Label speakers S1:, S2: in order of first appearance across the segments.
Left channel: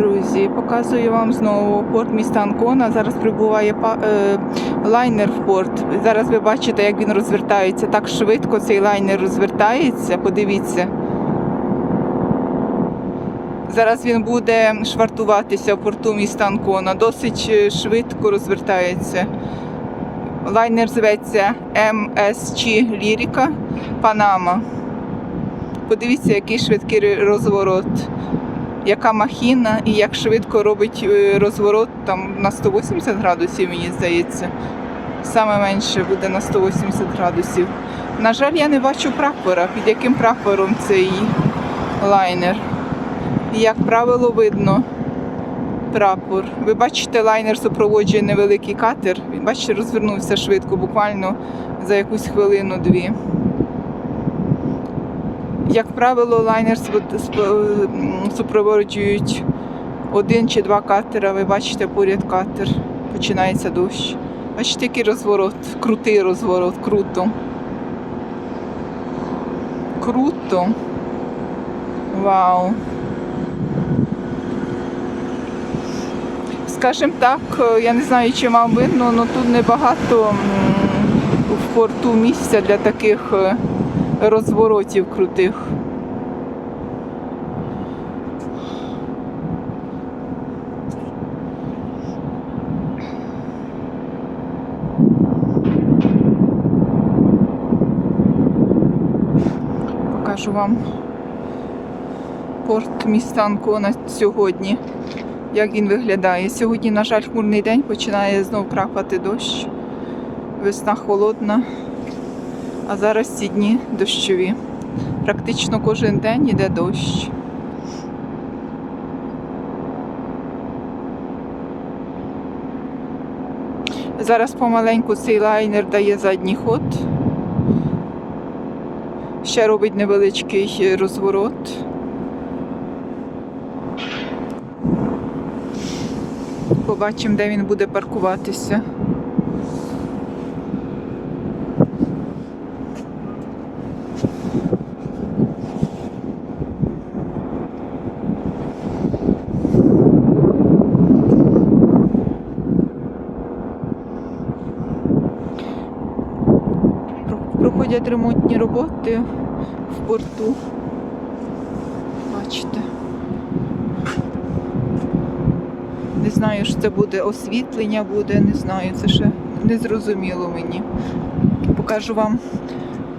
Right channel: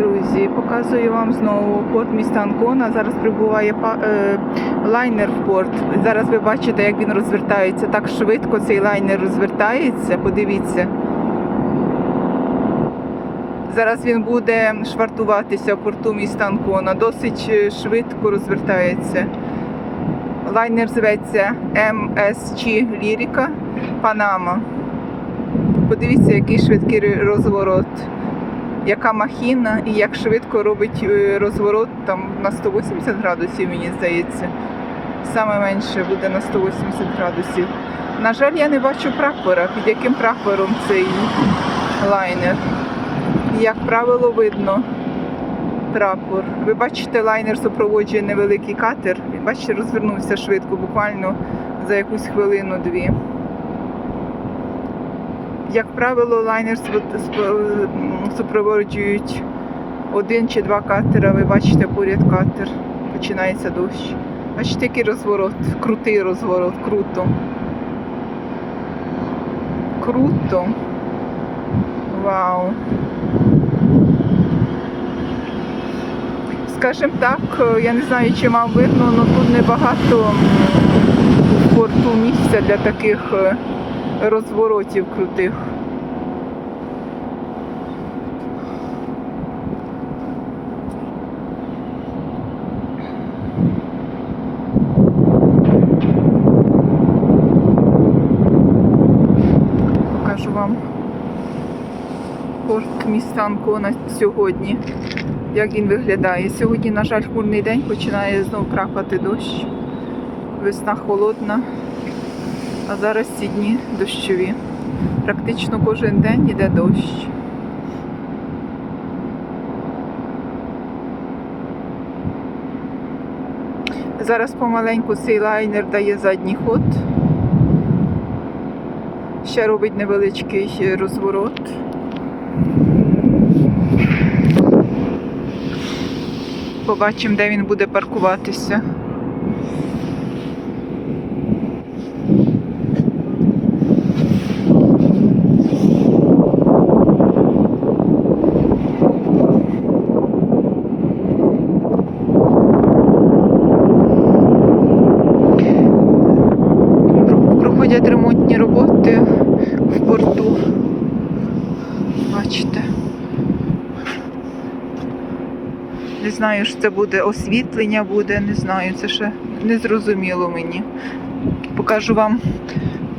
S1: Друзі, показую вам знову порт міста Анкона. Зараз прибуває е, лайнер в порт. Зараз ви бачите, як він розвертається. Так швидко цей лайнер розвертається. Подивіться. Зараз він буде швартуватися в порту міста Анкона. Досить е, швидко розвертається. Лайнер зветься MSG Ліріка Панама. Подивіться, який швидкий розворот, яка махіна і як швидко робить е, розворот там на 180 градусів, мені здається. Саме менше буде на 180 градусів. На жаль, я не бачу прапора, під яким прапором цей лайнер. Як правило, видно прапор. Ви бачите, лайнер супроводжує невеликий катер. Бачите, розвернувся швидко, буквально за якусь хвилину-дві. Як правило, лайнер м, супроводжують один чи два катера. Ви бачите, поряд катер. Починається дощ. Бачите, який розворот, крутий розворот, круто. Круто. Вау. Скажем так, е, я не знаю, чи вам видно, але тут небагато в порту місця для таких е, розворотів крутих. Покажу вам порт міста Анкона сьогодні. Як він виглядає? Сьогодні, на жаль, хмурний день починає знов крапати дощ. Весна холодна, а зараз ці дні дощові. Практично кожен день іде дощ. Зараз помаленьку цей лайнер дає задній ход. Ще робить невеличкий розворот. Побачимо, де він буде паркуватися. Проходять ремонтні роботи в порту. Бачите. Не знаю, що це буде освітлення буде, не знаю, це ще не зрозуміло мені. Покажу вам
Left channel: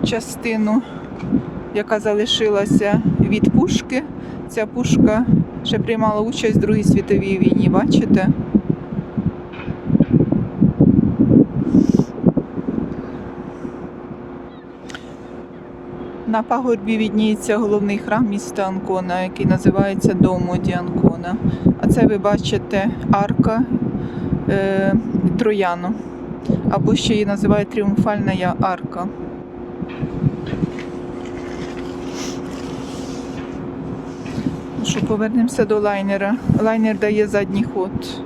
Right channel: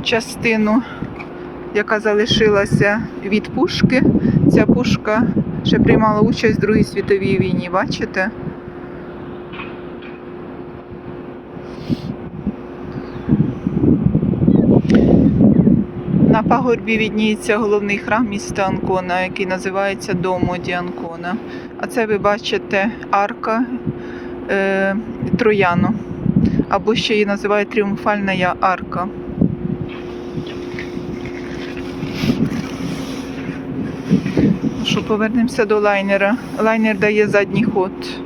S1: частину, яка залишилася від пушки. Ця пушка ще приймала участь в Другій світовій війні, бачите? На пагорбі відніється головний храм міста Анкона, який називається Домо ді Анкона. А це ви бачите арка е, Трояно, або ще її називають Тріумфальна арка. Ну що, повернемося до лайнера. Лайнер дає задній ход.